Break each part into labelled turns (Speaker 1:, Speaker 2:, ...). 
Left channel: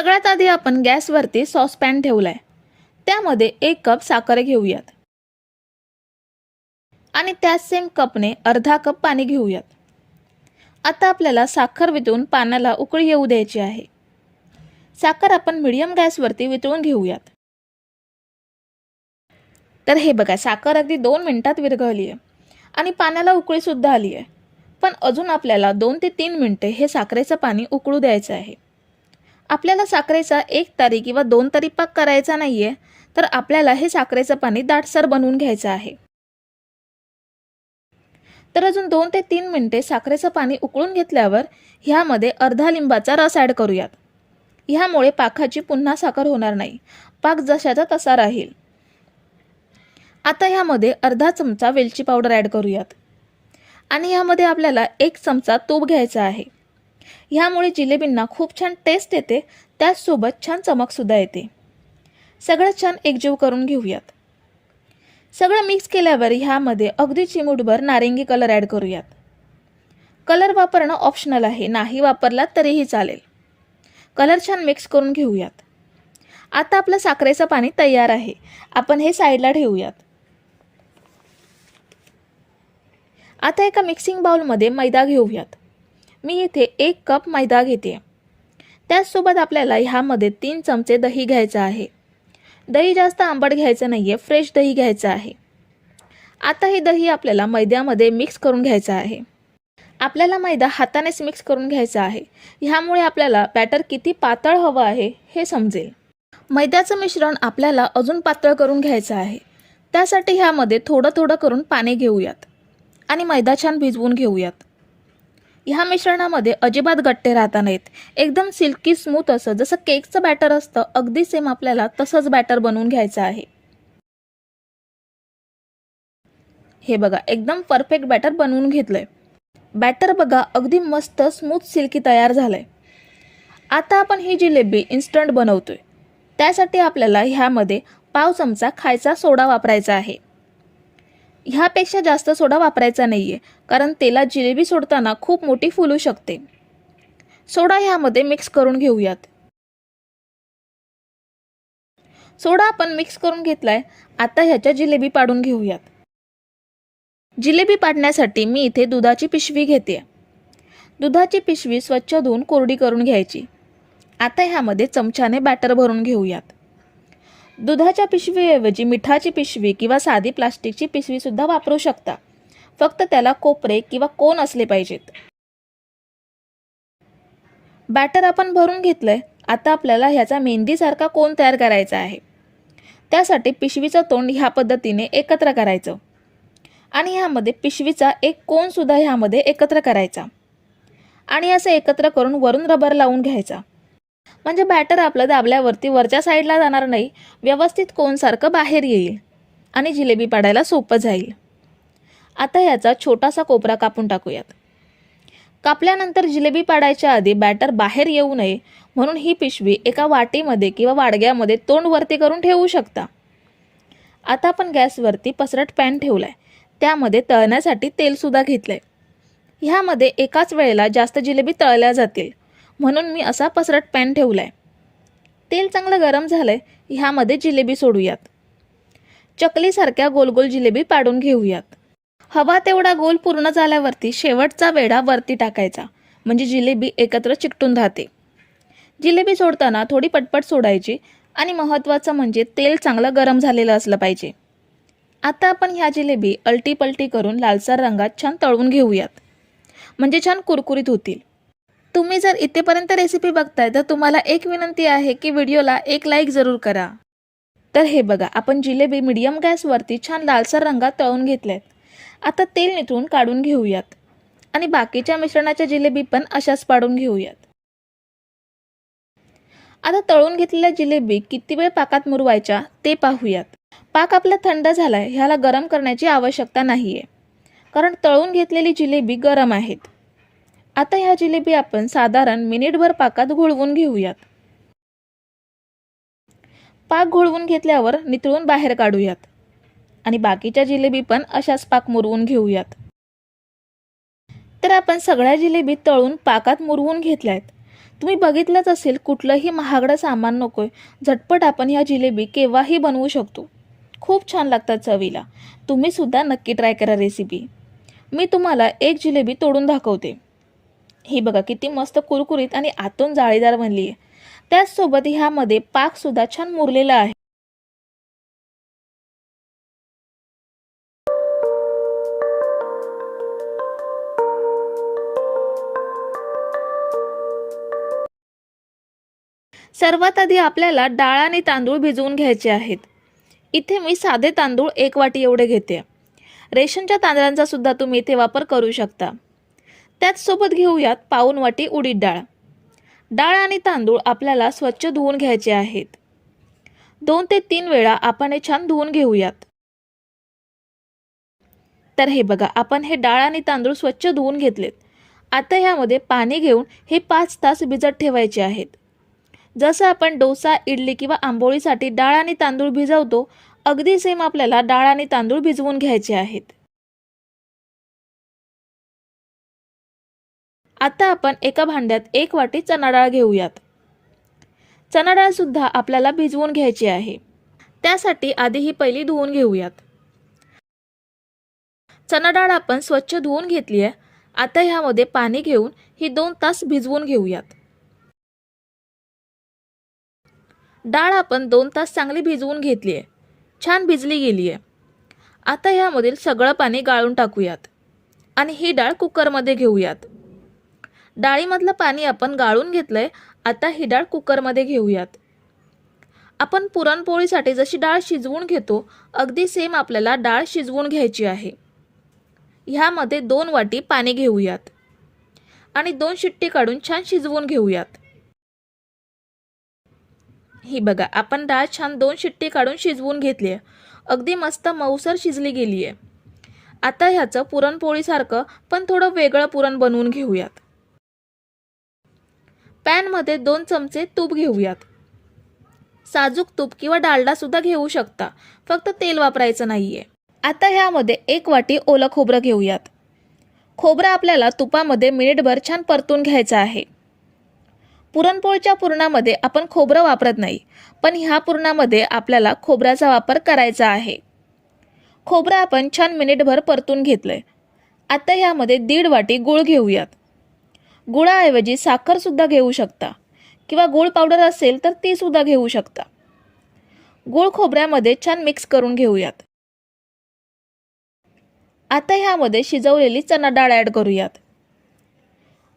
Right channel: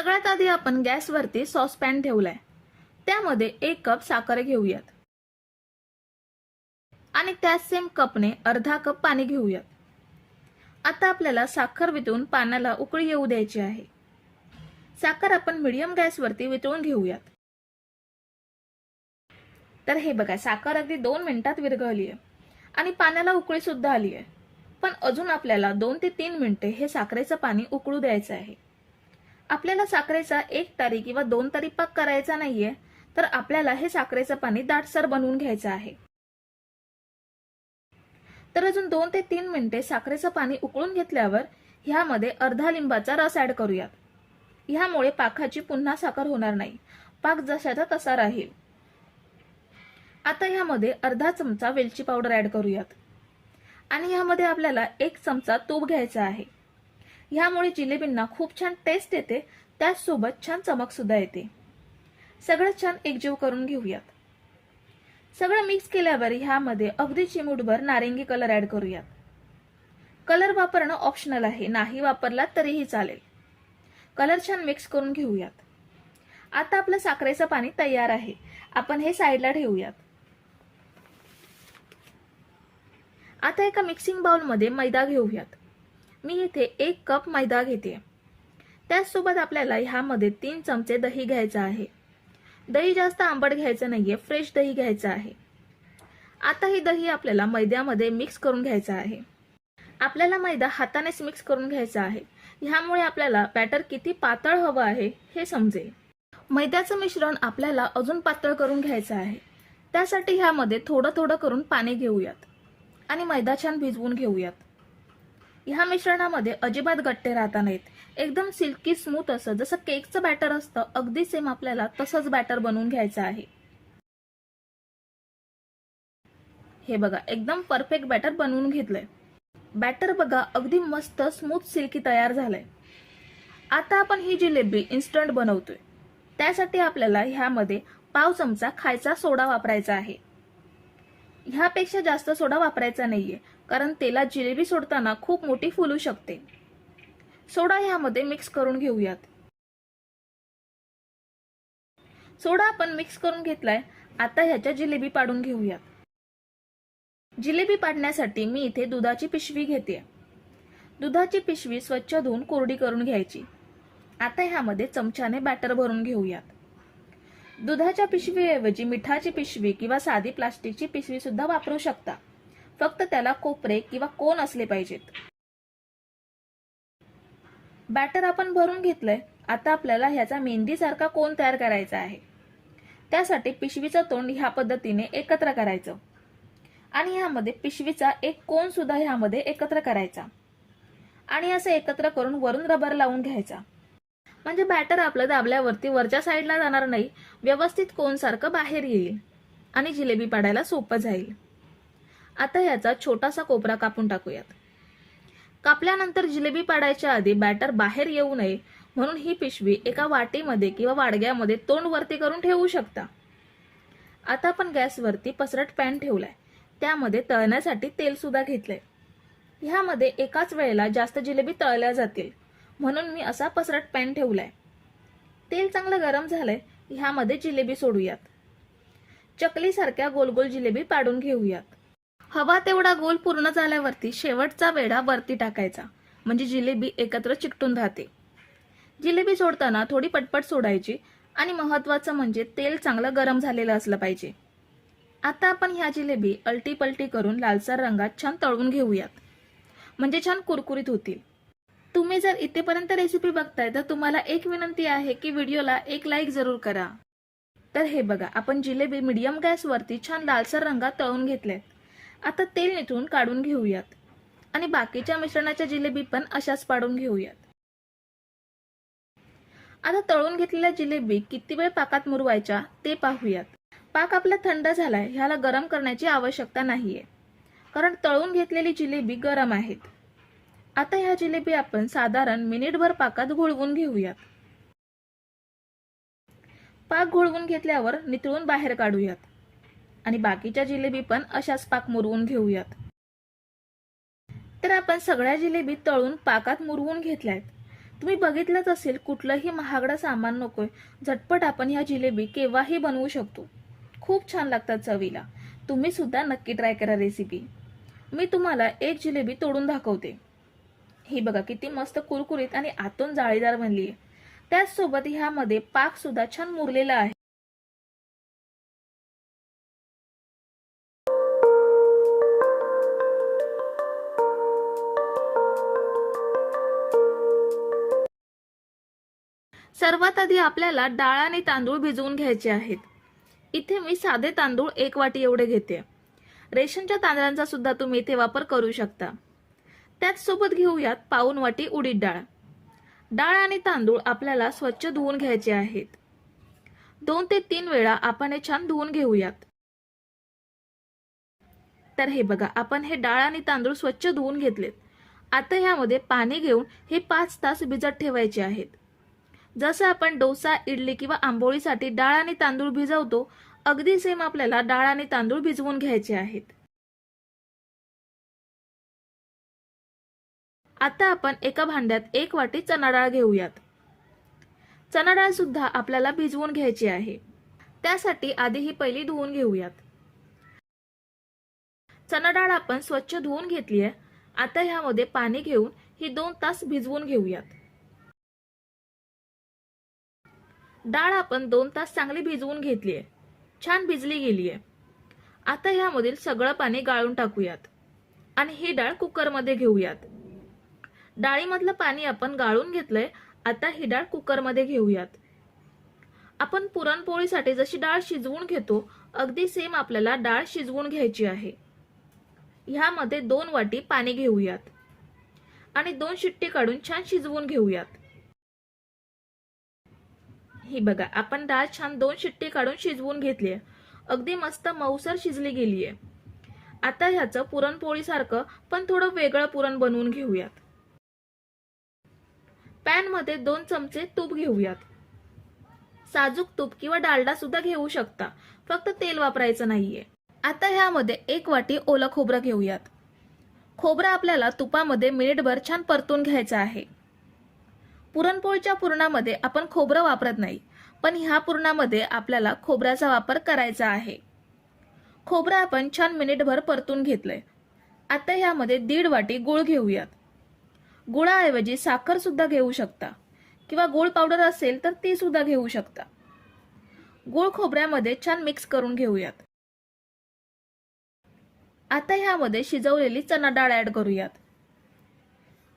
Speaker 1: सगळ्यात आधी आपण गॅसवरती सॉसपॅन ठेवलाय. त्यामध्ये एक कप साखर घेऊयात. आणि त्याच सेम कपने अर्धा कप पाणी घेऊयात. आता आपल्याला साखर वितळून पाण्याला उकळी येऊ द्यायची आहे. साखर आपण मिडियम गॅसवरती वितळून घेऊयात. तर हे बघा साखर अगदी दोन मिनिटात विरघळली आहे. आणि पाण्याला उकळी सुद्धा आली आहे. पण अजून आपल्याला दोन ते तीन मिनिटे हे साखरेचं पाणी उकळू द्यायचं आहे. आपल्याला साखरेचा एक तारी किंवा दोन तारी पाक करायचा नाहीये तर आपल्याला हे साखरेचं पाणी दाटसर बनवून घ्यायचं आहे. तर अजून दोन ते तीन मिनिटे साखरेचं पाणी उकळून घेतल्यावर ह्यामध्ये अर्धा लिंबाचा रस ॲड करूयात. ह्यामुळे पाकाची पुन्हा साखर होणार नाही. पाक जशाचा तसा राहील. आता ह्यामध्ये अर्धा चमचा वेलची पावडर ॲड करूयात. आणि ह्यामध्ये आपल्याला एक चमचा तूप घ्यायचा आहे. ह्यामुळे जिलेबींना खूप छान टेस्ट येते. त्याचसोबत छान चमकसुद्धा येते. सगळं छान एकजीव करून घेऊयात. सगळं मिक्स केल्यावर ह्यामध्ये अगदी चिमूटभर नारिंगी कलर ॲड करूयात. कलर वापरणं ऑप्शनल आहे. नाही वापरलात तरीही चालेल. कलर छान मिक्स करून घेऊयात. आता आपलं साखरेचं पाणी तयार आहे. आपण हे साईडला ठेवूयात. आता एका मिक्सिंग बाउलमध्ये मैदा घेऊयात. मी इथे एक कप मैदा घेते. त्याचसोबत आपल्याला ह्यामध्ये तीन चमचे दही घ्यायचं आहे. दही जास्त आंबट घ्यायचं नाही आहे फ्रेश दही घ्यायचं आहे. आता हे दही आपल्याला मैद्यामध्ये मिक्स करून घ्यायचं आहे. आपल्याला मैदा हातानेच मिक्स करून घ्यायचा आहे. ह्यामुळे आपल्याला बॅटर किती पातळ हवं आहे हे समजेल. मैद्याचं मिश्रण आपल्याला अजून पातळ करून घ्यायचं आहे. त्यासाठी ह्यामध्ये थोडं थोडं करून पाणी घेऊयात. आणि मैदा छान भिजवून घेऊयात. ह्या मिश्रणामध्ये अजिबात गट्टे राहता नाहीत. एकदम सिल्की स्मूथ असं जसं केकचं बॅटर असतं अगदी सेम आपल्याला तसंच बॅटर बनवून घ्यायचं आहे. हे बघा एकदम परफेक्ट बॅटर बनवून घेतलंय. बॅटर बघा अगदी मस्त स्मूथ सिल्की तयार झालंय. आता आपण ही जिलेबी इन्स्टंट बनवतोय. त्यासाठी आपल्याला ह्यामध्ये पाव चमचा खायचा सोडा वापरायचा आहे. ह्यापेक्षा जास्त सोडा वापरायचा नाही आहे कारण तेलात जिलेबी सोडताना खूप मोठी फुलू शकते. सोडा ह्यामध्ये मिक्स करून घेऊयात. सोडा आपण मिक्स करून घेतलाय. आता ह्याच्या जिलेबी पाडून घेऊयात. जिलेबी पाडण्यासाठी मी इथे दुधाची पिशवी घेते. दुधाची पिशवी स्वच्छ धुवून कोरडी करून घ्यायची. आता ह्यामध्ये चमच्याने बॅटर भरून घेऊयात. दुधाच्या पिशवीऐवजी मिठाची पिशवी किंवा साधी प्लास्टिकची पिशवी सुद्धा वापरू शकता. फक्त त्याला कोपरे किंवा कोन असले पाहिजेत. बॅटर आपण भरून घेतलंय. आता आपल्याला ह्याचा मेहंदीसारखा कोन तयार करायचा आहे. त्यासाठी पिशवीचं तोंड ह्या पद्धतीने एकत्र करायचं. आणि ह्यामध्ये पिशवीचा एक कोन सुद्धा ह्यामध्ये एकत्र करायचा. आणि असं एकत्र करून वरून रबर लावून घ्यायचा. म्हणजे बॅटर आपलं दाबल्यावरती वरच्या साईडला जाणार नाही. व्यवस्थित कोनसारखं बाहेर येईल आणि जिलेबी पाडायला सोपं जाईल. आता याचा छोटासा कोपरा कापून टाकूयात. कापल्यानंतर जिलेबी पाडायच्या आधी बॅटर बाहेर येऊ नये म्हणून ही पिशवी एका वाटीमध्ये किंवा वाडग्यामध्ये तोंड वरती करून ठेवू शकता. आता आपण गॅसवरती पसरट पॅन ठेवलाय. त्यामध्ये तळण्यासाठी तेलसुद्धा घेतलंय. ह्यामध्ये एकाच वेळेला जास्त जिलेबी तळल्या जातील. म्हणून मी असा पसरट पॅन आहे तेल चांगलं गरम झालं आहे ह्यामध्ये जिलेबी सोडूयात. चकलीसारख्या गोलगोल जिलेबी पाडून घेऊयात. हवा तेवढा गोल पूर्ण झाल्यावरती शेवटचा वेढा वरती टाकायचा म्हणजे जिलेबी एकत्र चिकटून राहते. जिलेबी सोडताना थोडी पटपट सोडायची आणि महत्त्वाचं म्हणजे तेल चांगलं गरम झालेलं असलं पाहिजे. आता आपण ह्या जिलेबी अलटी पलटी करून लालसर रंगात छान तळून घेऊयात. म्हणजे छान कुरकुरीत होतील. तुम्ही जर इथेपर्यंत रेसिपी बघताय तर तुम्हाला एक विनंती आहे की व्हिडिओला एक लाईक जरूर करा. तर हे बघा आपण जिलेबी मीडियम गॅसवरती छान लालसर रंगात तळून घेतल्यात आता तेल निथळून काढून घेऊयात. आणि बाकीच्या मिश्रणाच्या जिलेबी पण अशाच पाडून घेऊयात. आता तळून घेतलेल्या जिलेबी किती वेळ पाकात मुरवायच्या ते पाहूयात. पाक आपला थंड झालाय ह्याला गरम करण्याची आवश्यकता नाहीये. कारण तळून घेतलेली जिलेबी गरम आहेत. आता ह्या जिलेबी आपण साधारण मिनिटभर पाकात घोळवून घेऊयात. पाक घोळवून घेतल्यावर नितळून बाहेर काढूयात. आणि बाकीच्या जिलेबी पण अशाच पाक मुरवून घेऊयात. तर आपण सगळ्या जिलेबी तळून पाकात मुरवून घेतल्यात. तुम्ही बघितलंच असेल कुठलंही महागडं सामान नकोय. झटपट आपण ह्या जिलेबी केव्हाही बनवू शकतो. खूप छान लागतात चवीला. तुम्ही सुद्धा नक्की ट्राय करा रेसिपी. मी तुम्हाला एक जिलेबी तोडून दाखवते. ही बघा किती मस्त कुरकुरीत आणि आतून जाळीदार बनली आहे. त्याचसोबत ह्यामध्ये पाकसुद्धा छान मुरलेला आहे. सर्वात आधी आपल्याला डाळ आणि तांदूळ भिजवून घ्यायचे आहेत. इथे मी साधे तांदूळ एक वाटी एवढे घेते. रेशनच्या तांदळांचा सुद्धा तुम्ही इथे वापर करू शकता. त्याचसोबत घेऊयात पाऊन वाटी उडीद डाळ. डाळ आणि तांदूळ आपल्याला स्वच्छ धुवून घ्यायचे आहेत. दोन ते तीन वेळा आपण हे छान धुवून घेऊयात. तर हे बघा आपण हे डाळ आणि तांदूळ स्वच्छ धुवून घेतलेत. आता ह्यामध्ये पाणी घेऊन हे पाच तास भिजत ठेवायचे आहेत. जसं आपण डोसा इडली किंवा आंबोळीसाठी डाळ आणि तांदूळ भिजवतो अगदी सेम आपल्याला डाळ आणि तांदूळ भिजवून घ्यायचे आहेत. आता आपण एका भांड्यात एक वाटी चणा डाळ घेऊयात. चणा सुद्धा आपल्याला भिजवून घ्यायची आहे. त्यासाठी आधी ही पहिली धुवून घेऊयात. चणा डाळ आपण स्वच्छ धुवून घेतली आहे आता ह्यामध्ये पाणी घेऊन ही दोन तास भिजवून घेऊयात. डाळ आपण दोन तास चांगली भिजवून घेतली आहे छान भिजली गेली आहे आता ह्यामधील सगळं पाणी गाळून टाकूयात. आणि ही डाळ कुकरमध्ये घेऊयात. डाळीमधलं पाणी आपण गाळून घेतलंय आता ही डाळ कुकरमध्ये घेऊयात. आपण पुरणपोळीसाठी जशी डाळ शिजवून घेतो अगदी सेम आपल्याला डाळ शिजवून घ्यायची आहे. ह्यामध्ये दोन वाटी पाणी घेऊयात. आणि दोन शिट्टी काढून छान शिजवून घेऊयात. ही बघा आपण डाळ छान दोन शिट्टी काढून शिजवून घेतली आहे अगदी मस्त मऊसर शिजली गेली आहे आता ह्याचं पुरणपोळीसारखं पण थोडं वेगळं पुरण बनवून घेऊयात. पॅनमध्ये दोन चमचे तूप घेऊयात. साजूक तूप किंवा डालडा सुद्धा घेऊ शकता. फक्त तेल वापरायचं नाहीये. आता ह्यामध्ये एक वाटी ओलं खोबरं घेऊयात. खोबरं आपल्याला तुपामध्ये मिनिटभर छान परतून घ्यायचं आहे. पुरणपोळीच्या पुरणामध्ये आपण खोबरं वापरत नाही पण ह्या पुरणामध्ये आपल्याला खोबऱ्याचा वापर करायचा आहे. खोबरं आपण छान मिनिटभर परतून घेतलं आहे आता ह्यामध्ये दीड वाटी गूळ घेऊयात. गुळाऐवजी साखरसुद्धा घेऊ शकता. किंवा गूळ पावडर असेल तर ती सुद्धा घेऊ शकता. गूळ खोबऱ्यामध्ये छान मिक्स करून घेऊयात. आता ह्यामध्ये शिजवलेली चणा डाळ ॲड करूयात.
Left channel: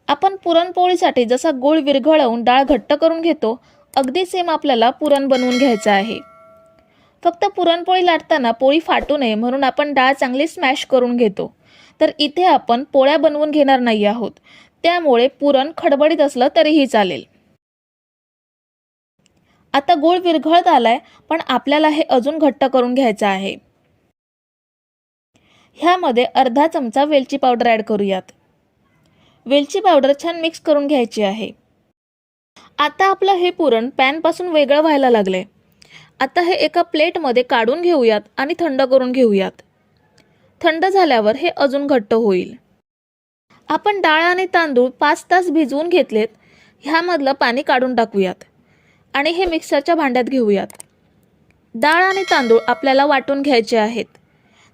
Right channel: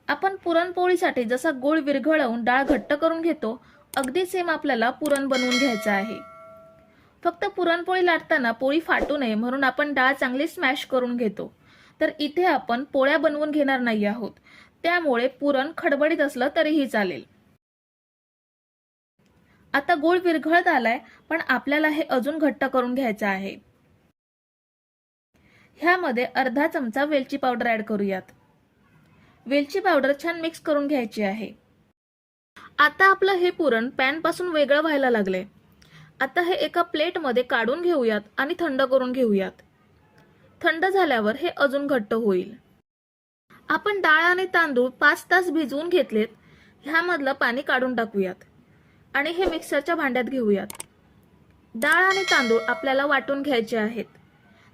Speaker 1: आपण पुरणपोळीसाठी जसा गूळ विरघळवून डाळ घट्ट करून घेतो अगदी सेम आपल्याला पुरण बनवून घ्यायचं आहे. फक्त पुरणपोळी लाटताना पोळी फाटू नये म्हणून आपण डाळ चांगली स्मॅश करून घेतो. तर इथे आपण पोळ्या बनवून घेणार नाही आहोत. त्यामुळे पुरण खडबडीत असलं तरीही चालेल. आता गूळ विरघळत आलाय पण आपल्याला हे अजून घट्ट करून घ्यायचं आहे. ह्यामध्ये अर्धा चमचा वेलची पावडर ॲड करूयात. वेलची पावडर छान मिक्स करून घ्यायची आहे. आता आपलं हे पुरण पॅनपासून वेगळं व्हायला लागले आता हे एका प्लेटमध्ये काढून घेऊयात आणि थंड करून घेऊयात. थंड झाल्यावर हे अजून घट्ट होईल. आपण डाळ आणि तांदूळ पाच तास भिजवून घेतलेत ह्यामधलं पाणी काढून टाकूयात आणि हे मिक्सरच्या भांड्यात घेऊयात. डाळ आणि तांदूळ आपल्याला वाटून घ्यायचे आहेत.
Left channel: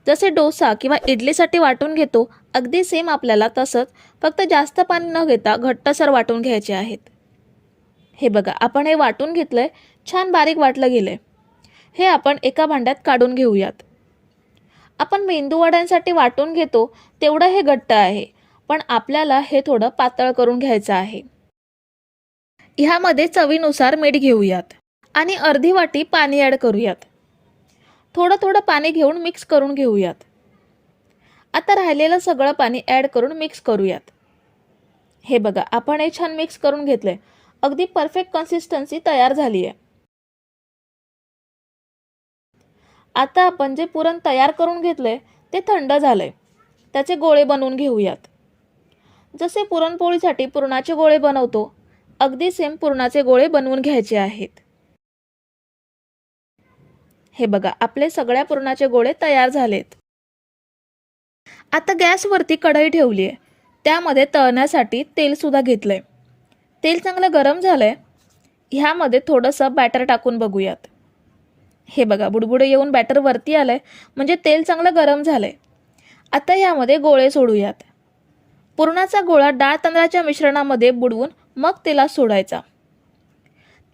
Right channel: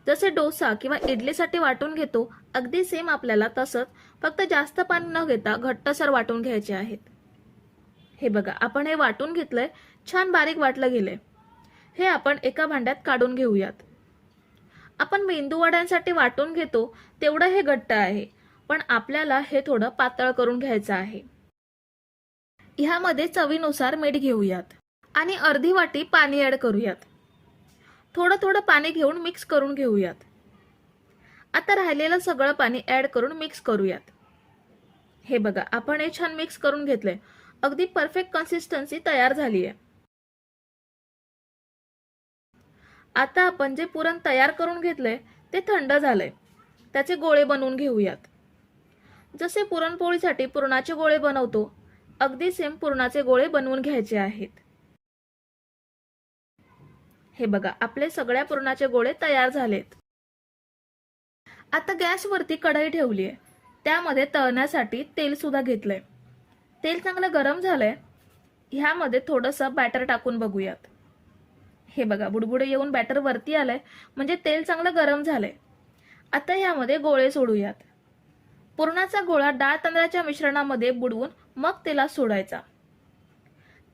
Speaker 1: जसे डोसा किंवा इडलीसाठी वाटून घेतो अगदी सेम आपल्याला तसंच फक्त जास्त पाणी न घेता घट्टसर वाटून घ्यायचे आहेत. हे बघा आपण हे वाटून घेतलंय छान बारीक वाटलं गेलं हे आपण एका भांड्यात काढून घेऊयात. आपण मेंदू वड्यांसाठी वाटून घेतो तेवढं हे घट्ट आहे. पण आपल्याला हे थोडं पातळ करून घ्यायचं आहे. ह्यामध्ये चवीनुसार मीठ घेऊयात आणि अर्धी वाटी पाणी ॲड करूयात. थोडं थोडं पाणी घेऊन मिक्स करून घेऊयात. आता राहिलेलं सगळं पाणी ॲड करून मिक्स करूयात. हे बघा आपण हे छान मिक्स करून घेतलंय. अगदी परफेक्ट कन्सिस्टन्सी तयार झाली आहे आता आपण जे पुरण तयार करून घेतलंय ते थंड झालंय. त्याचे गोळे बनवून घेऊयात. जसे पुरणपोळीसाठी पुरणाचे गोळे बनवतो अगदी सेम पुरणाचे गोळे बनवून घ्यायचे आहेत. हे बघा आपले सगळ्या पुरणाचे गोळे तयार झालेत. आता गॅसवरती कढई ठेवली आहे. त्यामध्ये तळण्यासाठी तेलसुद्धा घेतलं घेतलंय. तेल चांगलं गरम झालं आहे ह्यामध्ये थोडंसं बॅटर टाकून बघूयात. हे बघा बुडबुडे येऊन बॅटर वरती आलं आहे म्हणजे तेल चांगलं गरम झालं आहे आता ह्यामध्ये गोळे सोडूयात. पुरणाचा गोळा डाळ तांदळाच्या मिश्रणामध्ये बुडवून मग तेलात सोडायचा.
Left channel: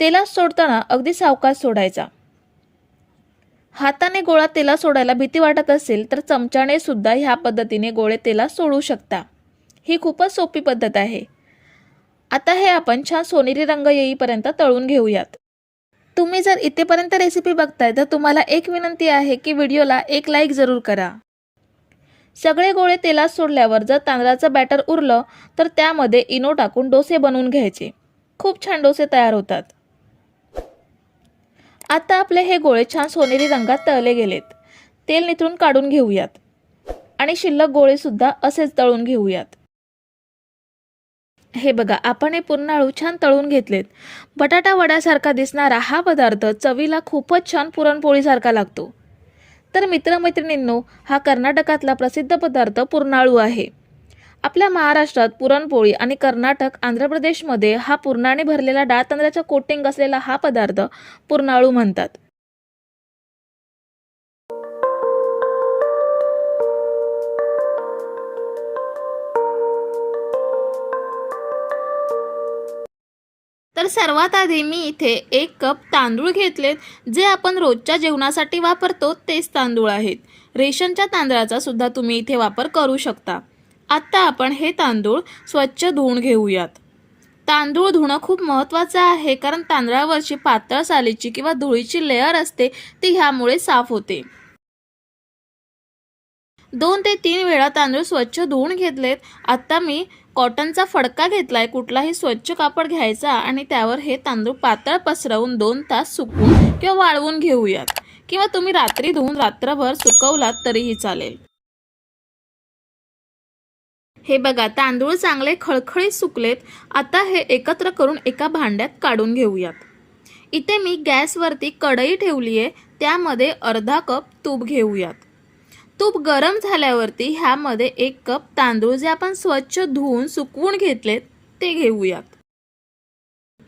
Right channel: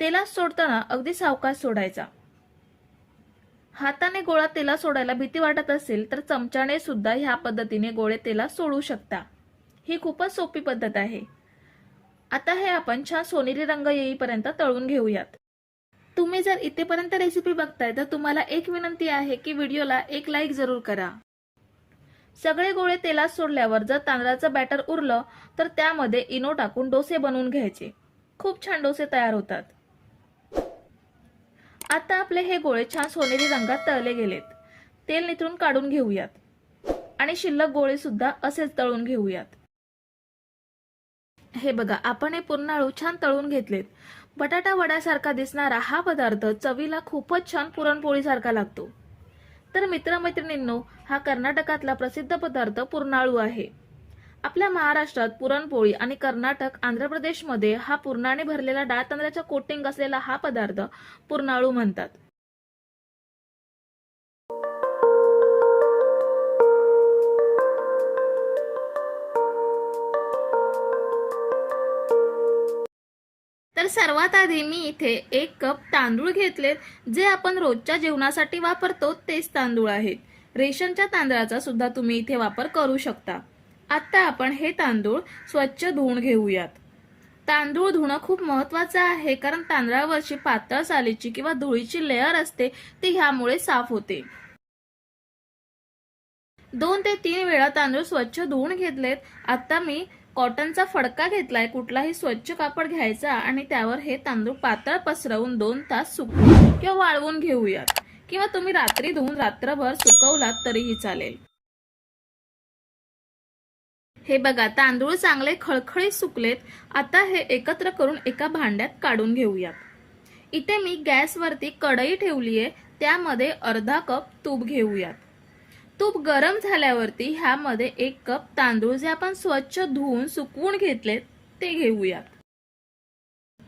Speaker 1: तेलात सोडताना अगदी सावकाश सोडायचा. हाताने गोळा तेलात सोडायला भीती वाटत असेल तर चमच्याने सुद्धा ह्या पद्धतीने गोळे तेलात सोडू शकता. ही खूपच सोपी पद्धत आहे. आता हे आपण छान सोनेरी रंग येईपर्यंत तळून घेऊयात. तुम्ही जर इथेपर्यंत रेसिपी बघताय तर तुम्हाला एक विनंती आहे की व्हिडिओला एक लाईक जरूर करा. सगळे गोळे तेलात सोडल्यावर जर तांदळाचं बॅटर उरलं तर त्यामध्ये इनो टाकून डोसे बनवून घ्यायचे. खूप छान डोसे तयार होतात. आता आपले हे गोळे छान सोनेरी रंगात तळले गेलेत. तेल निथळून काढून घेऊयात. आणि शिल्लक गोळेसुद्धा असेच तळून घेऊयात. हे बघा आपण हे पूर्ण आळू छान तळून घेतलेत. बटाटा वड्यासारखा दिसणारा हा पदार्थ चवीला खूपच छान पुरणपोळीसारखा लागतो. तर मित्रमैत्रिणींनो हा कर्नाटकातला प्रसिद्ध पदार्थ पुरणाळू आहे. आपल्या महाराष्ट्रात पुरणपोळी आणि कर्नाटक आंध्र प्रदेशमध्ये हा पुरणाने भरलेला डाळ तांदळाच्या कोटिंग असलेला हा पदार्थ पुरणाळू म्हणतात. तर सर्वात आधी मी इथे एक कप तांदूळ घेतलेत जे आपण रोजच्या जेवणासाठी वापरतो तेच तांदूळ आहेत. रेशनच्या तांदळाचा सुद्धा तुम्ही इथे वापर करू शकता. आत्ता आपण हे तांदूळ स्वच्छ धुवून घेऊयात. तांदूळ धुणं खूप महत्त्वाचं आहे कारण तांदळावरची पातळ सालीची किंवा धुळीची लेअर असते ती ह्यामुळे साफ होते. दोन ते तीन वेळा तांदूळ स्वच्छ धुवून घेतलेत. आत्ता मी कॉटनचा फडका घेतलाय कुठलाही स्वच्छ कापड घ्यायचा आणि त्यावर हे तांदूळ पातळ पसरवून दोन तास सुकवून किंवा वाळवून घेऊयात. किंवा तुम्ही रात्री धुवून रात्रभर सुकवलात तरीही चालेल. हे बघा तांदूळ चांगले खळखळीत सुकलेत आता हे एकत्र करून एका भांड्यात काढून घेऊयात. इथे मी गॅसवरती कढई ठेवली आहे त्यामध्ये अर्धा कप तूप घेऊयात. तूप गरम झाल्यावरती ह्यामध्ये एक कप तांदूळ जे आपण स्वच्छ धुवून सुकवून घेतले ते घेऊयात.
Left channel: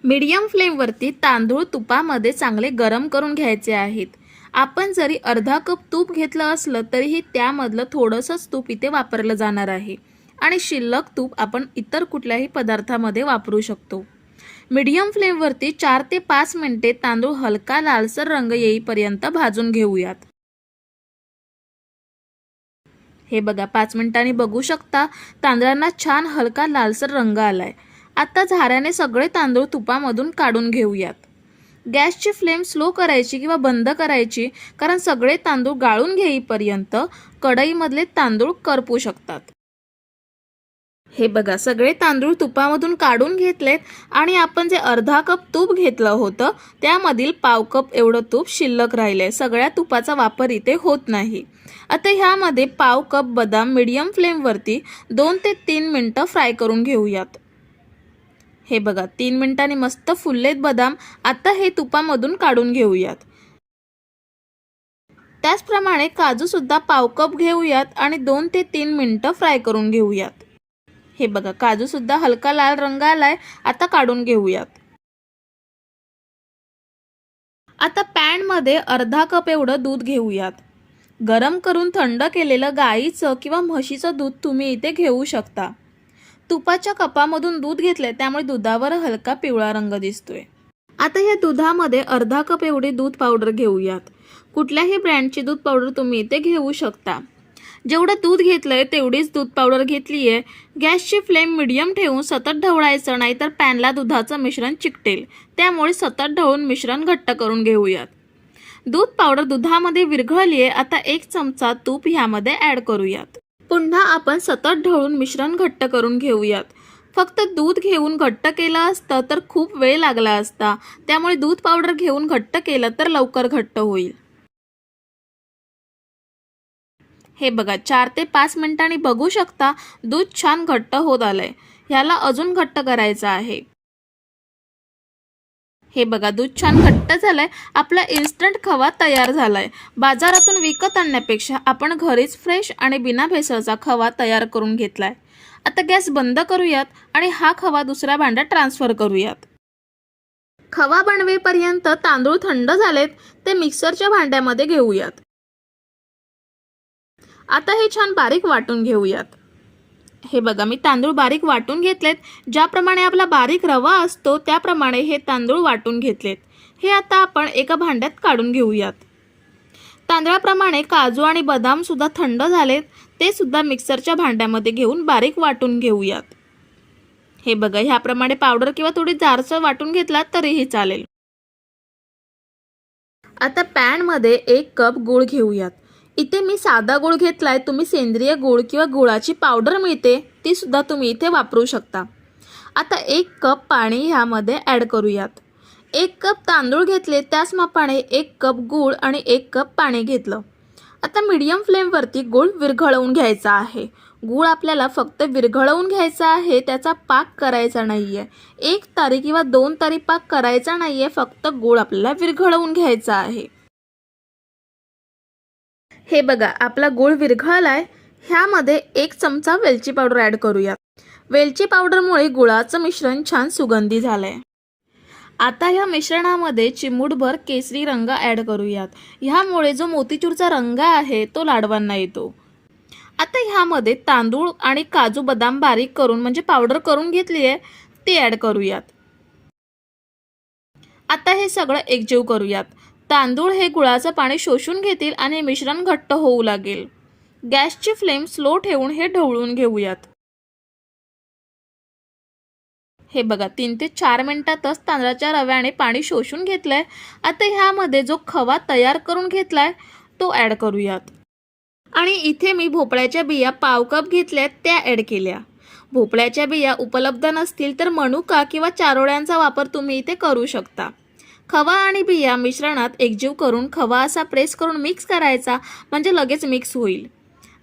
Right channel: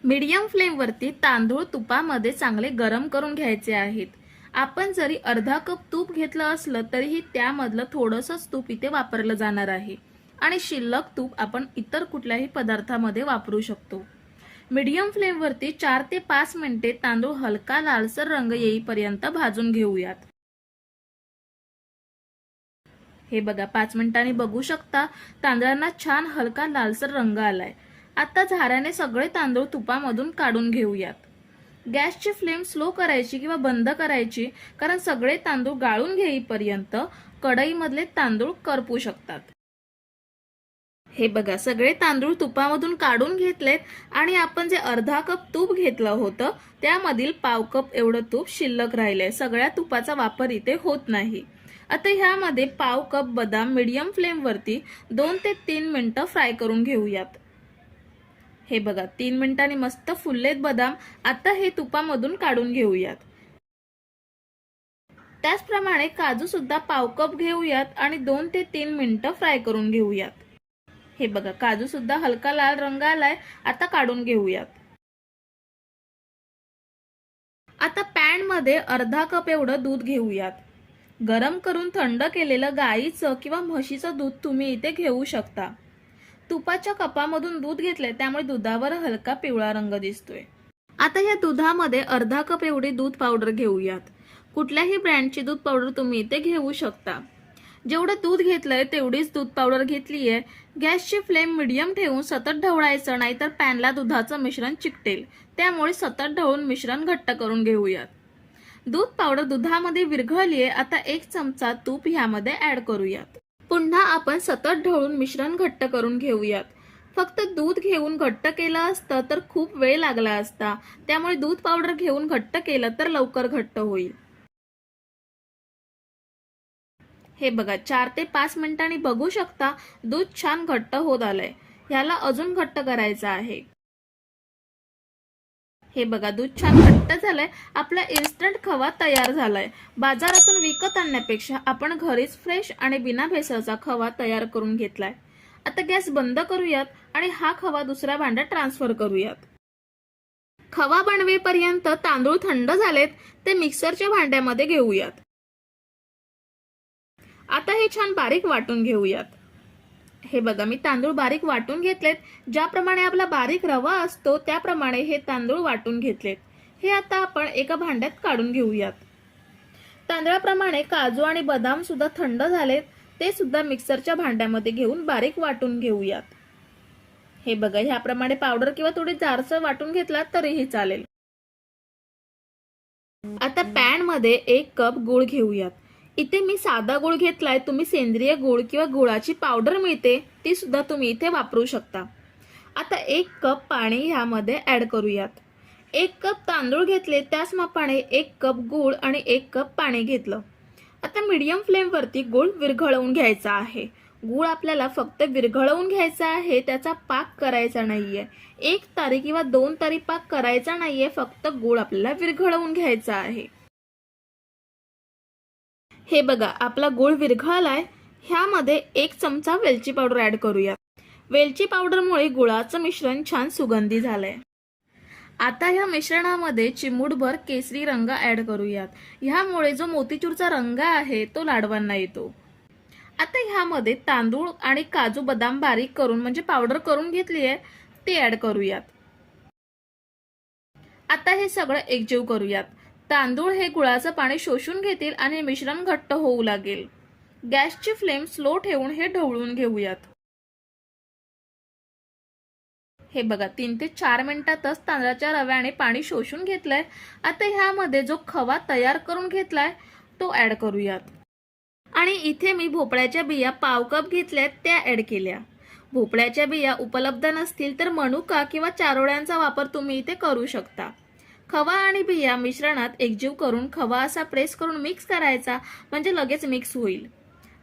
Speaker 1: मीडियम फ्लेमवरती तांदूळ तुपामध्ये चांगले गरम करून घ्यायचे आहेत. आपण जरी अर्धा कप तूप घेतलं असलं तरीही त्यामधलं थोडंसंच तूप इथे वापरलं जाणार आहे. आणि शिल्लक तूप आपण इतर कुठल्याही पदार्थामध्ये वापरू शकतो. मीडियम फ्लेमवरती चार ते पाच मिनिटे तांदूळ हलका लालसर रंग येईपर्यंत भाजून घेऊयात. हे बघा पाच मिनिटांनी बघू शकता तांदळांना छान हलका लालसर रंग आलाय. आता झाऱ्याने सगळे तांदूळ तुपामधून काढून घेऊयात. गॅसची फ्लेम स्लो करायची किंवा बंद करायची कारण सगळे तांदूळ गाळून घेईपर्यंत कढईमधले तांदूळ करपू शकतात. हे बघा सगळे तांदूळ तुपामधून काढून घेतलेत आणि आपण जे अर्धा कप तूप घेतलं होतं त्यामधील पाव कप एवढं तूप शिल्लक राहिलंय. सगळ्या तुपाचा वापर इथे होत नाही. आता ह्यामध्ये पाव कप बदाम मीडियम फ्लेमवरती दोन ते तीन मिनटं फ्राय करून घेऊयात. हे बघा तीन मिनिटांनी मस्त फुललेत बदाम. आता हे तुपामधून काढून घेऊयात. त्याचप्रमाणे काजू सुद्धा पाव कप घेऊयात आणि दोन ते तीन मिनिटं फ्राय करून घेऊयात. हे बघा काजू सुद्धा हलका लाल रंग आलाय आता काढून घेऊयात. आता पॅनमध्ये अर्धा कप एवढं दूध घेऊयात. गरम करून थंड केलेलं गाईचं किंवा म्हशीचं दूध तुम्ही इथे घेऊ शकता. तुपाच्या कपामधून दूध घेतलंय त्यामुळे दुधावर हलका पिवळा रंग दिसतोय. आता या दुधामध्ये अर्धा कप एवढी दूध पावडर घेऊयात. कुठल्याही ब्रँडची दूध पावडर तुम्ही इथे घेऊ शकता. जेवढं दूध घेतलंय तेवढीच दूध पावडर घेतली आहे गॅसची फ्लेम मिडियम ठेवून सतत ढवळायचं नाहीतर पॅनला दुधाचं मिश्रण चिकटेल. त्यामुळे सतत ढवळून मिश्रण घट्ट करून घेऊयात. दूध पावडर दुधामध्ये विरघळली आहे आता एक चमचा तूप ह्यामध्ये ॲड करूयात. पुन्हा आपण सतत ढवळून मिश्रण घट्ट करून घेऊयात. फक्त दूध घेऊन घट्ट केलं असतं तर खूप वेळ लागला असता. त्यामुळे दूध पावडर घेऊन घट्ट केलं तर लवकर घट्ट होईल. हे बघा चार ते पाच मिनिटांनी बघू शकता दूध छान घट्ट होत आलंय. ह्याला अजून घट्ट करायचं आहे. हे बघा दूध छान घट्ट झालंय. आपला इन्स्टंट खवा तयार झालाय. बाजारातून विकत आणण्यापेक्षा आपण घरीच फ्रेश आणि बिना भेसळचा खवा तयार करून घेतलाय. आता गॅस बंद करूयात आणि हा खवा दुसऱ्या भांड्यात ट्रान्सफर करूयात. खवा बनवेपर्यंत तांदूळ थंड झालेत ते मिक्सरच्या भांड्यामध्ये घेऊयात. आता हे छान बारीक वाटून घेऊयात. हे बघा मी तांदूळ बारीक वाटून घेतलेत. ज्याप्रमाणे आपला बारीक रवा असतो त्याप्रमाणे हे तांदूळ वाटून घेतलेत. हे आता आपण एका भांड्यात काढून घेऊयात. तांदळाप्रमाणे काजू आणि बदाम सुद्धा थंड झालेत. ते सुद्धा मिक्सरच्या भांड्यामध्ये घेऊन बारीक वाटून घेऊयात. हे बघा ह्याप्रमाणे पावडर किंवा थोडी जारसर वाटून घेतलात तरीही चालेल. आता पॅनमध्ये एक कप गूळ घेऊयात. इथे मी साधा गूळ घेतलाय तुम्ही सेंद्रिय गूळ किंवा गुळाची पावडर मिळते ती सुद्धा तुम्ही इथे वापरू शकता. आता एक कप पाणी ह्यामध्ये ॲड करूयात. एक कप तांदूळ घेतले त्याच मापाने एक कप गूळ आणि एक कप पाणी घेतलं. आता मीडियम फ्लेमवरती गूळ विरघळवून घ्यायचा आहे. गूळ आपल्याला फक्त विरघळवून घ्यायचा आहे त्याचा पाक करायचा नाही आहे एक तारी किंवा दोन तारी पाक करायचा नाही आहे फक्त गूळ आपल्याला विरघळवून घ्यायचा आहे. हे बघा आपला गूळ विरघळलाय. ह्यामध्ये एक चमचा वेलची पावडर ॲड करूयात. वेलची पावडरमुळे गुळाचं मिश्रण छान सुगंधी झालंय. आता ह्या मिश्रणामध्ये चिमूटभर केसरी रंग ॲड करूयात. ह्यामुळे जो मोतीचूरचा रंग आहे तो लाडवांना येतो. आता ह्यामध्ये तांदूळ आणि काजू बदाम बारीक करून म्हणजे पावडर करून घेतली आहे ते ॲड करूयात. आता हे सगळं एकजीव करूयात. तांदूळ हे गुळाचं पाणी शोषून घेतील आणि मिश्रण घट्ट होऊ लागेल. गॅसची फ्लेम स्लो ठेवून हे ढवळून घेऊयात. हे बघा तीन ते चार मिनिटातच तांदळाच्या रव्याने पाणी शोषून घेतलंय. आता ह्यामध्ये जो खवा तयार करून घेतलाय तो ॲड करूयात. आणि इथे मी भोपळ्याच्या बिया पाव कप घेतल्यात त्या ॲड केल्या. भोपळ्याच्या बिया उपलब्ध नसतील तर मनुका किंवा चारोळ्यांचा वापर तुम्ही इथे करू शकता. खवा आणि बिया मिश्रणात एकजीव करून खवा असा प्रेस करून मिक्स करायचा म्हणजे लगेच मिक्स होईल.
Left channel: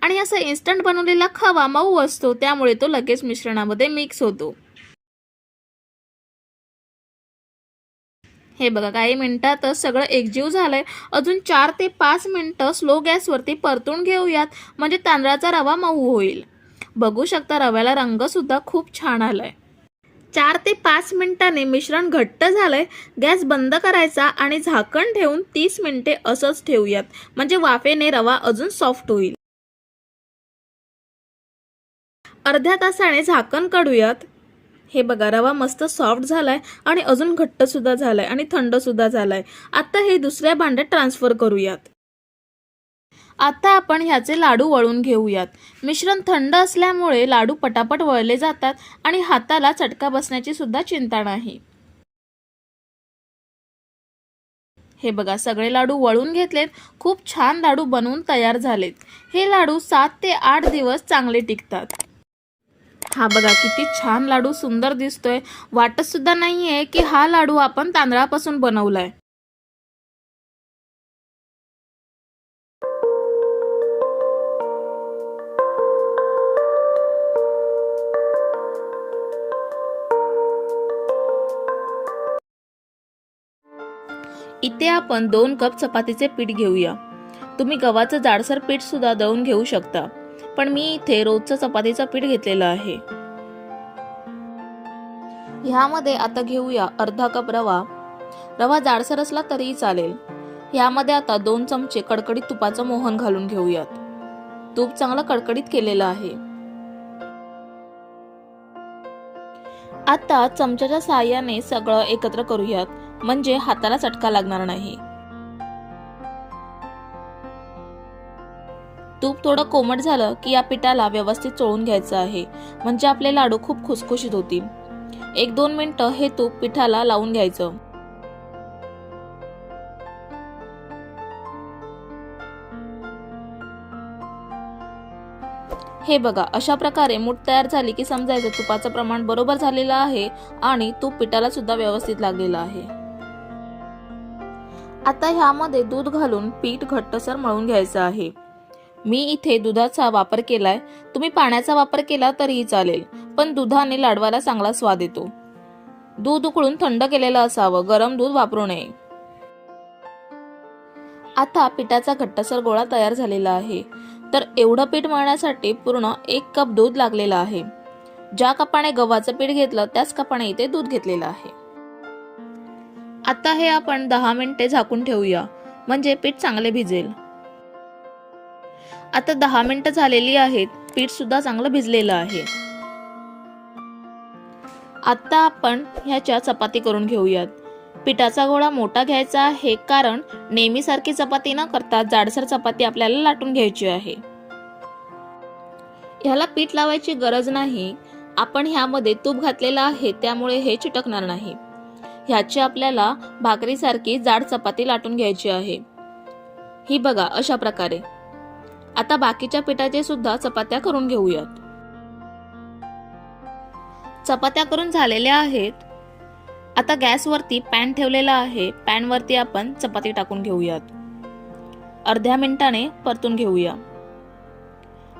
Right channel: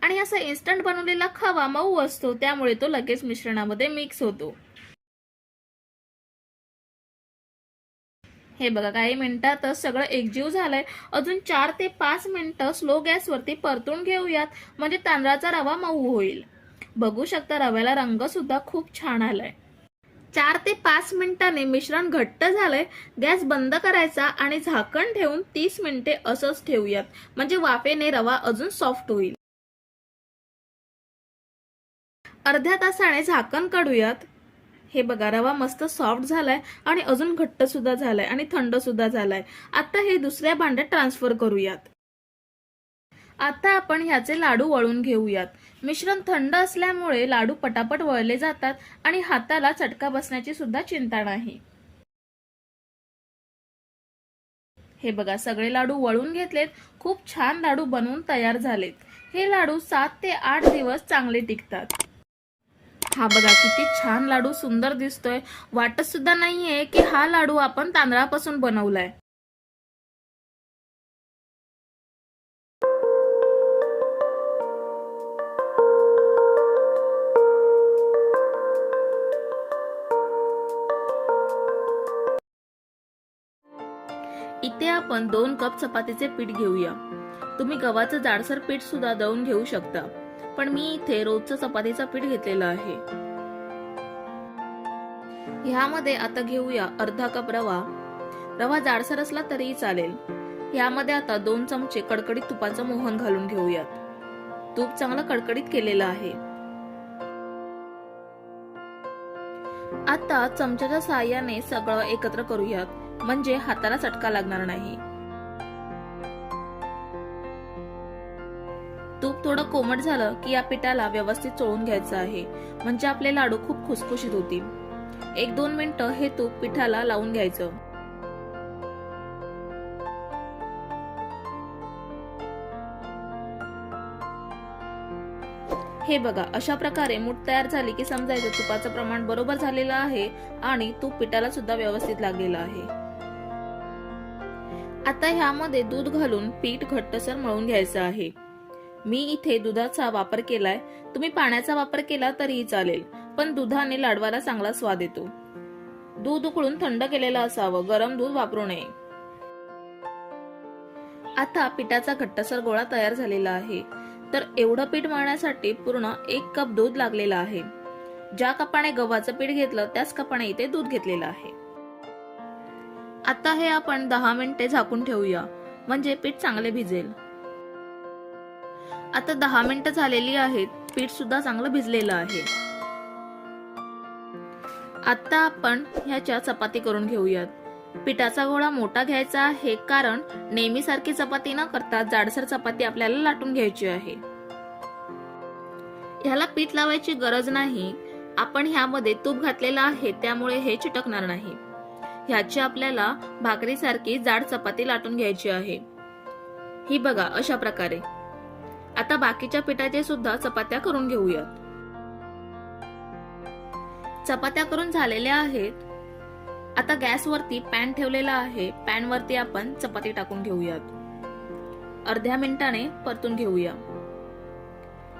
Speaker 1: आणि असा इन्स्टंट बनवलेला खवा मऊ असतो त्यामुळे तो लगेच मिश्रणामध्ये मिक्स होतो. हे बघा काही मिनिटातच सगळं एकजीव झालंय. अजून चार ते पाच मिनिटं स्लो गॅसवरती परतून घेऊयात म्हणजे तांदळाचा रवा मऊ होईल. बघू शकता रव्याला रंगसुद्धा खूप छान आलाय. चार ते पाच मिनिटांनी मिश्रण घट्ट झालंय गॅस बंद करायचा आणि झाकण ठेवून तीस मिनिटे असंच ठेवूयात. म्हणजे वाफेने रवा अजून सॉफ्ट होईल. अर्ध्या तासाने झाकण काढूयात. हे बघा रवा मस्त सॉफ्ट झालाय आणि अजून घट्ट सुद्धा झालाय आणि थंड सुद्धा झालाय. आता हे दुसऱ्या भांड्यात ट्रान्सफर करूयात. आता आपण ह्याचे लाडू वळून घेऊयात. मिश्रण थंड असल्यामुळे लाडू पटापट वळले जातात आणि हाताला चटका बसण्याची सुद्धा चिंता नाही. हे बघा सगळे लाडू वळून घेतलेत. खूप छान लाडू बनवून तयार झालेत. हे लाडू सात ते आठ दिवस चांगले टिकतात. हा बघा किती छान लाडू सुंदर दिसतोय. वाटत सुद्धा नाहीये की हा लाडू आपण तांदळापासून बनवलाय. इथे आपण दोन कप चपातीचे पीठ घेऊया. तुम्ही गव्हाचं जाडसर पीठ सुद्धा दळून घेऊ शकता. पण मी इथे रोजचं चपातीचं पीठ घेतलेलं आहे. ह्यामध्ये आता घेऊया अर्धा कप रवा. रवा जाडसर असला तरीही चालेल. ह्यामध्ये आता दोन चमचे कडकडीत तुपाचं मोहन घालून घेऊयात. तूप चांगलं कडकडीत केलेलं आहे. आता चमच्याच्या सहाय्याने सगळं एकत्र करूयात. म्हणजे हाताला चटका लागणार नाही. तूप थोडं कोमट झालं की या पिठाला व्यवस्थित चोळून घ्यायचं आहे. म्हणजे आपले लाडू खूप खुसखुशीत होतील. एक दोन मिनटं हे तूप पिठाला लावून घ्यायचं. हे बघा अशा प्रकारे मूठ तयार झाली की समजायचं तुपाचं प्रमाण बरोबर झालेलं आहे आणि तूप पिठाला सुद्धा व्यवस्थित लागलेलं आहे. आता ह्यामध्ये दूध घालून पीठ घट्टसर मळून घ्यायचं आहे. मी इथे दुधाचा वापर केलाय. तुम्ही पाण्याचा वापर केला तरीही चालेल पण दुधाने लाडवाला चांगला स्वाद येतो. दूध उकळून थंड केलेलं असावं गरम दूध वापरू नये. आता पिठाचा घट्टसर गोळा तयार झालेला आहे. तर एवढं पीठ मळण्यासाठी पूर्ण एक कप दूध लागलेलं आहे. ज्या कपाने गव्हाचं पीठ घेतलं त्याच कपाने इथे दूध घेतलेलं आहे. आता हे आपण दहा मिनिटे झाकून ठेवूया. म्हणजे पीठ चांगले भिजेल. आता दहा मिनिटं झालेली आहेत. पीठ सुद्धा चांगलं भिजलेलं आहे. आता आपण ह्याच्या चपाती करून घेऊयात. पिठाचा गोळा मोठा घ्यायचा आहे कारण नेहमीसारखी चपाती न करता जाडसर चपाती आपल्याला लाटून घ्यायची आहे. ह्याला पीठ लावायची गरज नाही. आपण ह्यामध्ये तूप घातलेलं आहे त्यामुळे हे चिटकणार नाही. ह्याची आपल्याला भाकरीसारखी जाड चपाती लाटून घ्यायची आहे. ही बघा अशा प्रकारे. आता बाकीच्या पिठाचे सुद्धा चपात्या करून घेऊयात. चपात्या करून झालेल्या आहेत. आता गॅसवरती पॅन ठेवलेला आहे. पॅनवरती आपण चपाती टाकून घेऊयात. अर्ध्या मिनिटाने परतून घेऊया.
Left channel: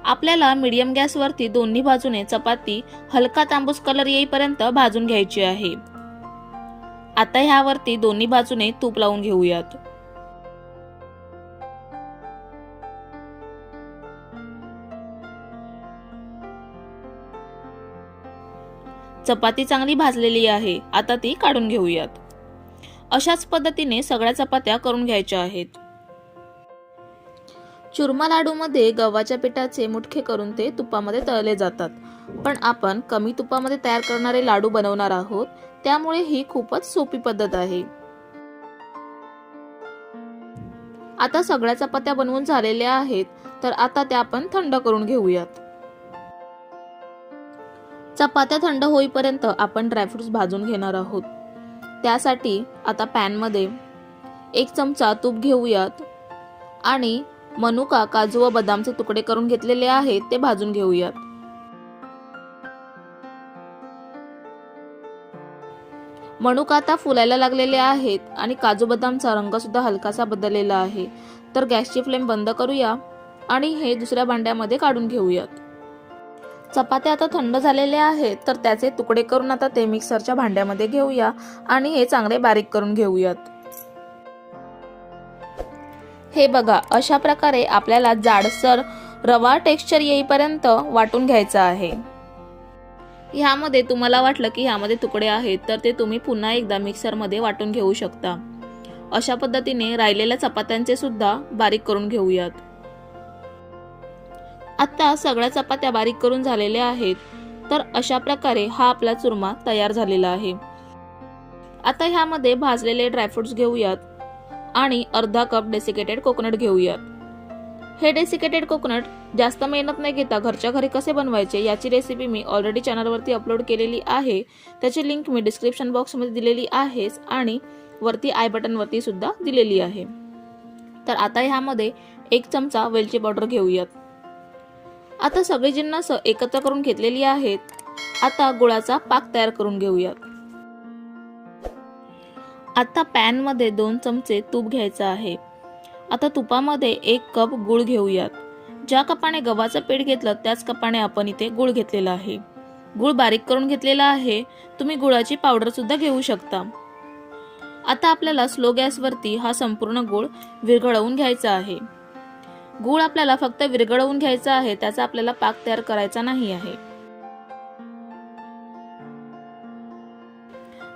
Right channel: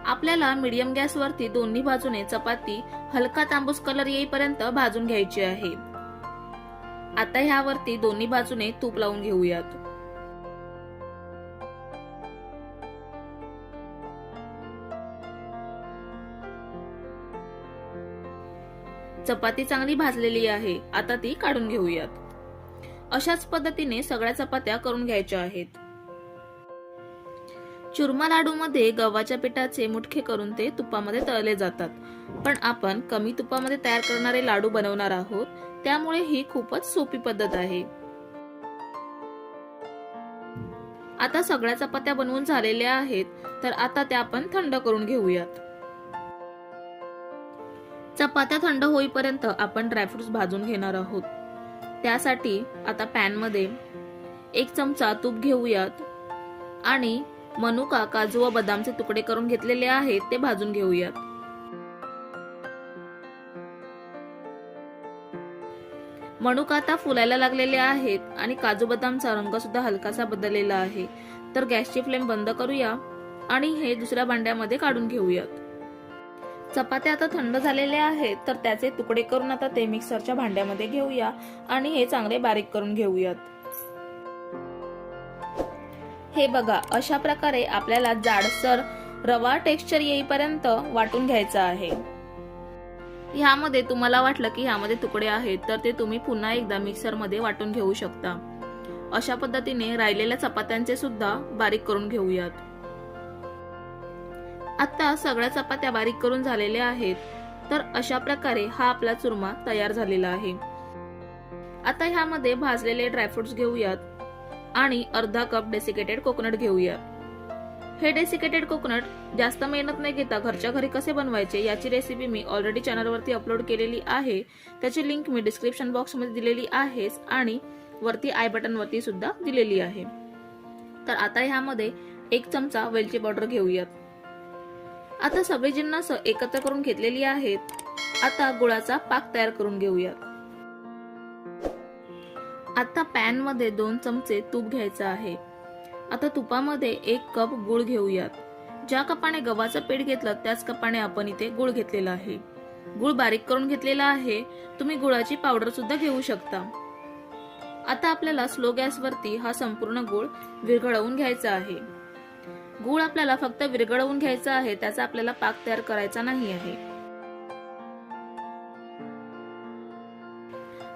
Speaker 1: आपल्याला मीडियम गॅसवरती दोन्ही बाजूने चपाती हलका तांबूस कलर येईपर्यंत भाजून घ्यायची आहे. आता ह्यावरती दोन्ही बाजूने तूप लावून घेऊयात. चपाती चांगली भाजलेली आहे आता ती काढून घेऊयात. अशाच पद्धतीने सगळ्या चपात्या करून घ्यायच्या आहेत. चुरमा लाडूमध्ये गव्हाच्या पिठाचे मुठखे करून ते तुपामध्ये तळले जातात. पण आपण कमी तुपामध्ये तयार करणारे लाडू बनवणार आहोत. त्यामुळे ही खूपच सोपी पद्धत आहे. आता सगळ्या चपात्या बनवून झालेल्या आहेत तर आता त्या आपण थंड करून घेऊयात. चपात्या थंड होईपर्यंत आपण ड्रायफ्रुट्स भाजून घेणार आहोत. त्यासाठी आता पॅनमध्ये एक चमचा तूप घेऊयात आणि मनुका काजू व बदामचे तुकडे करून घेतलेले आहेत ते भाजून घेऊयात. मनुका आता फुलायला लागलेले आहेत आणि काजू बदामचा रंग सुद्धा हलकासा बदललेला आहे. तर गॅसची फ्लेम बंद करूया आणि हे दुसऱ्या भांड्यामध्ये काढून घेऊयात. चपात्या आता थंड झालेले आहेत तर त्याचे तुकडे करून आता ते मिक्सरच्या भांड्यामध्ये घेऊया आणि हे चांगले बारीक करून घेऊयात. हे बघा अशा प्रकारे आपल्याला जाडसर रवा टेक्स्चर येईपर्यंत वाटून घ्यायचं आहे. ह्यामध्ये तुम्हाला वाटलं की ह्यामध्ये तुकडे आहेत तर ते तुम्ही पुन्हा एकदा मिक्सरमध्ये वाटून घेऊ शकता. अशा पद्धतीने राहिलेल्या चपात्यांचे सुद्धा बारीक करून घेऊयात. आता सगळ्या चपात्या बारीक करून झालेल्या आहेत तर अशा प्रकारे हा आपला चुरमा तयार झालेला आहे. आता ह्यामध्ये भाजलेले ड्रायफ्रुट्स घेऊयात आणि अर्धा कप डेसिकेटेड कोकोनट घेऊयात. हे डेसिकेटेड कोकोनट जास्त मेहनत नाही घेता घरच्या घरी कसे बनवायचे याची रेसिपी मी ऑलरेडी चॅनलवरती अपलोड केलेली आहे. त्याची लिंक मी डिस्क्रिप्शन बॉक्समध्ये दिलेली आहेच आणि वरती आय बटनवरती सुद्धा दिलेली आहे. तर आता ह्यामध्ये एक चमचा वेलची पावडर घेऊयात. आता सगळी जिन्नस एकत्र करून घेतलेली आहेत. आता गुळाचा पाक तयार करून घेऊयात. आता पॅनमध्ये दोन चमचे तूप घ्यायचं आहे. आता तुपामध्ये एक कप गुळ घेऊयात. ज्या कपाने गव्हाचं पीठ घेतलं त्याच कपाने आपण इथे गुळ घेतलेला आहे. गुळ बारीक करून घेतलेला आहे. तुम्ही गुळाची पावडर सुद्धा घेऊ शकता. आता आपल्याला स्लो गॅसवरती हा संपूर्ण गुळ विरघळवून घ्यायचा आहे. गुळ आपल्याला फक्त विरघळवून घ्यायचा आहे त्याचा आपल्याला पाक तयार करायचा नाही आहे.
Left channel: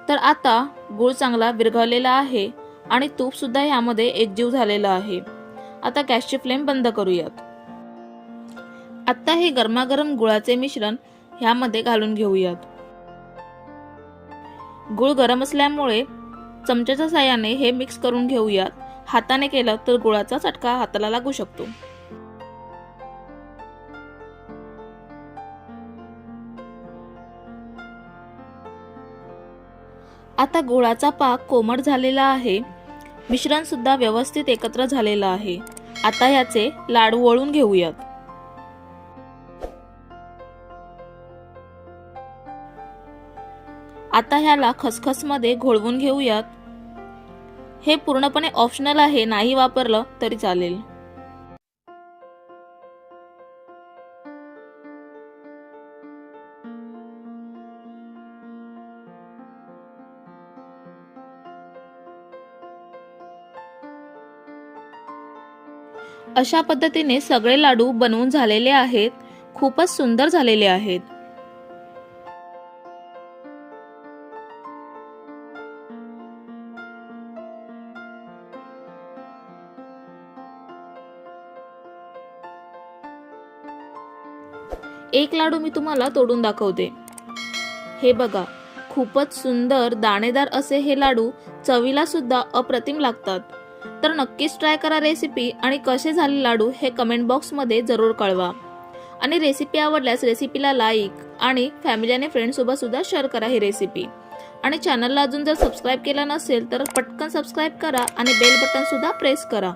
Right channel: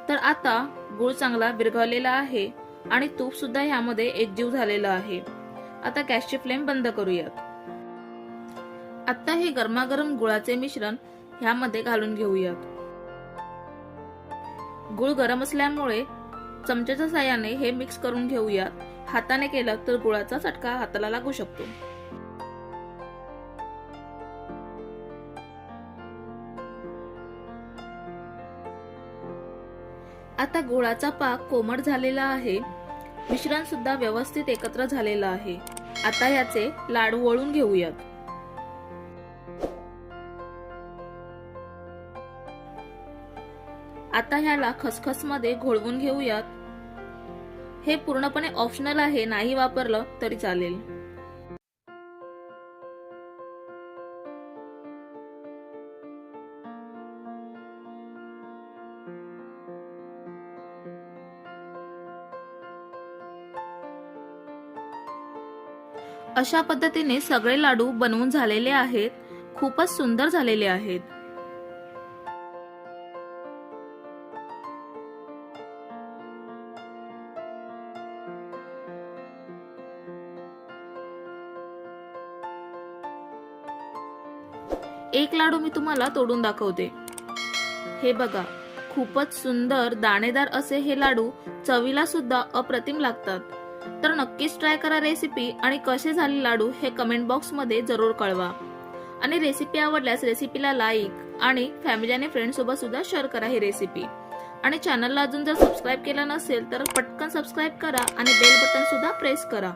Speaker 1: तर आता गुळ चांगला विरघळलेला आहे. आणि तूप सुद्धा ह्यामध्ये एकजीव झालेला आहे. आता गॅसची फ्लेम बंद करूयात. आता हे गरमागरम गुळाचे मिश्रण ह्यामध्ये घालून घेऊयात. गुळ गरम असल्यामुळे चमच्याच्या साह्याने हे मिक्स करून घेऊयात. हाताने केलं तर गुळाचा चटका हाताला लागू शकतो. आता गुळाचा पाक कोमट झालेला आहे. मिश्रणसुद्धा व्यवस्थित एकत्र झालेलं आहे. आता याचे लाडू वळून घेऊयात. आता ह्याला खसखसमध्ये घोळवून घेऊयात. हे पूर्णपणे ऑप्शनल आहे नाही वापरलं तरी चालेल. अशा पद्धतीने सगळे लाडू बनवून झालेले आहेत. खूपच सुंदर झालेले आहेत. एक लाडू मी तुम्हाला तोडून दाखवते. हे बघा खूपच सुंदर दाणेदार असे हे लाडू चवीला सुद्धा अप्रतिम लागतात. तर नक्कीच ट्राय करा रेसिपी आणि कसे झाले लाडू हे कमेंट बॉक्समध्ये जरूर कळवा. आणि रेसिपी आवडल्यास रेसिपीला लाईक आणि फॅमिली आणि फ्रेंडसोबत सुद्धा शेअर करा ही रेसिपी आणि चॅनलला अजून जर सबस्क्राईब केलं नसेल तर पटकन सबस्क्राईब करा आणि बेल बटन सुद्धा प्रेस करा.